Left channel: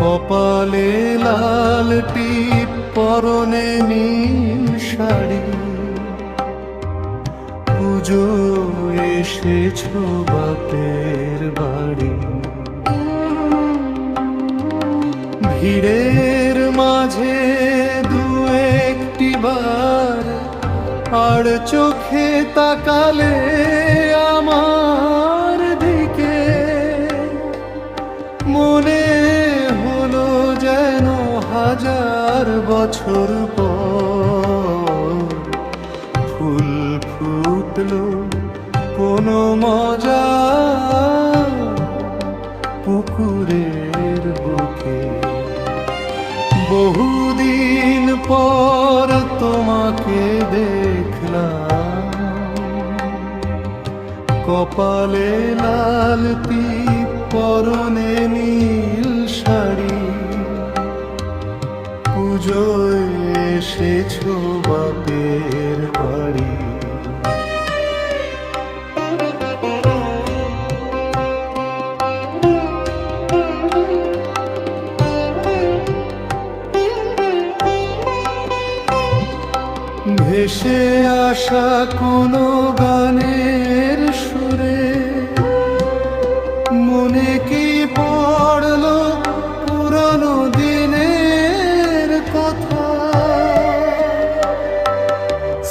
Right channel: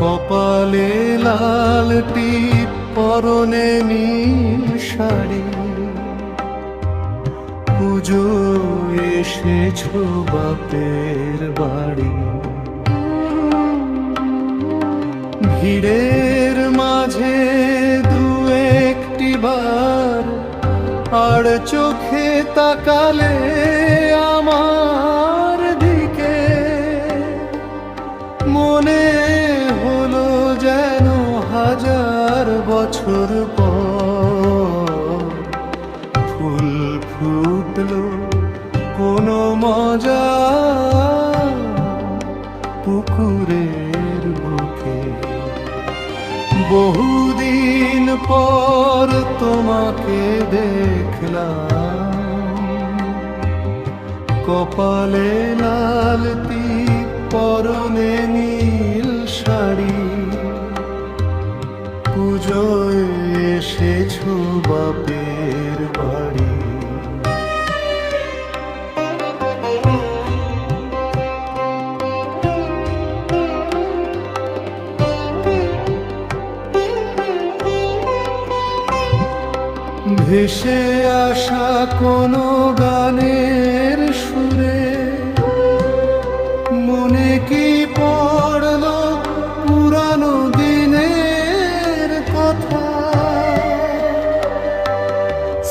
কপালে লাল টিপ, পরনে নীল শাড়ি, পুজো এসেছো বাপের বাড়ি। ভিড়ের মাঝে দু একটি বার আর চোখে তাকালে আমার দিকে, মনে হলো যেন হাজার বছর পর ফুল ফুটলো কোনো মজা পুকুরের বুকে। বহুদিন পর তোমাকে দেখলাম, কপালে লাল টিপ, পরনে নীল শাড়ি, পুজোয় এসেছো বাপের বাড়ি। ভেসে আসা কোনো গানের সুরে মনে কি পড়লো পুরানো দিনের কথা।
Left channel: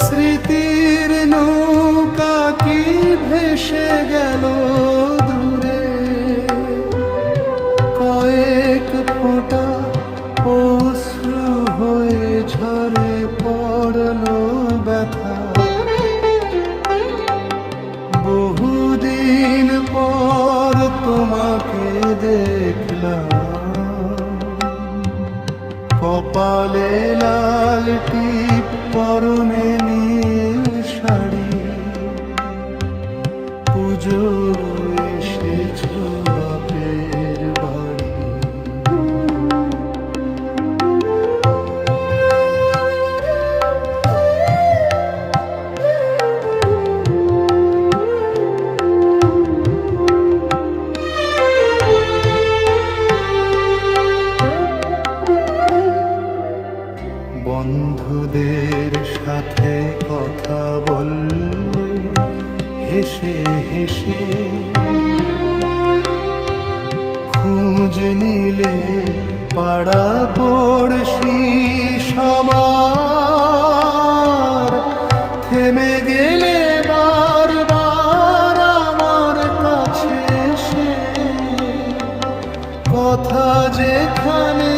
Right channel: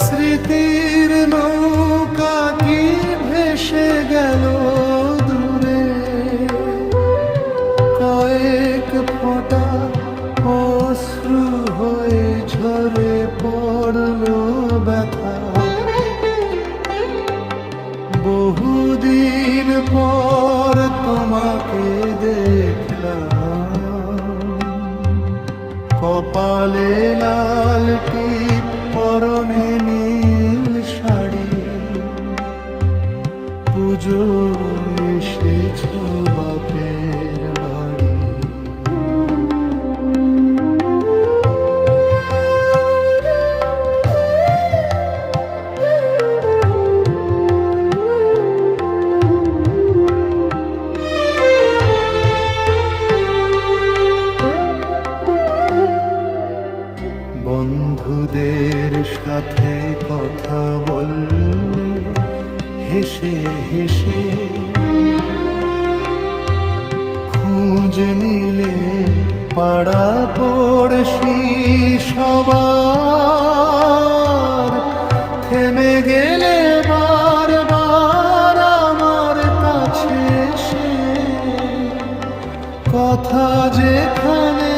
স্মৃতির নৌকা কি ভেসে গেল দূরে, কয়েক ফোঁটা অশ্রু হয়ে ঝরে পড়লো ব্যথা। বহুদিন পর তোমাকে দেখলাম, কপালে লাল টিপ, পরনে নীল শাড়ি, পুজো এসেছো বাপের বাড়ি। বন্ধুদের সাথে কথা বললে হেসে হেসে, খোঁজ নিলে পাড়া পড়শি সবার, থেমে গেলে বারবার আমার কাছে এসে, কথা যেখানে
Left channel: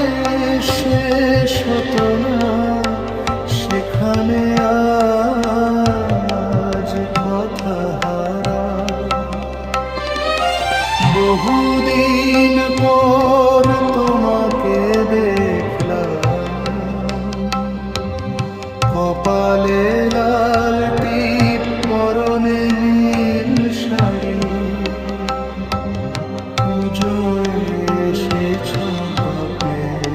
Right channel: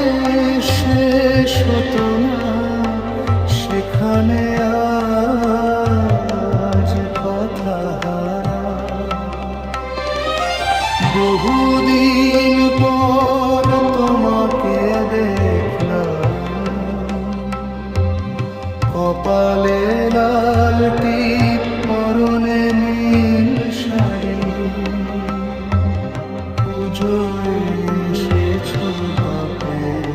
শেষ হতো না সেখানে আজ কথা হারা। বহুদিন পর তোমাকে দেখলাম, কপালে লাল টিপ, পরনে নীল শাড়ি, পুজোয় এসেছো বাপের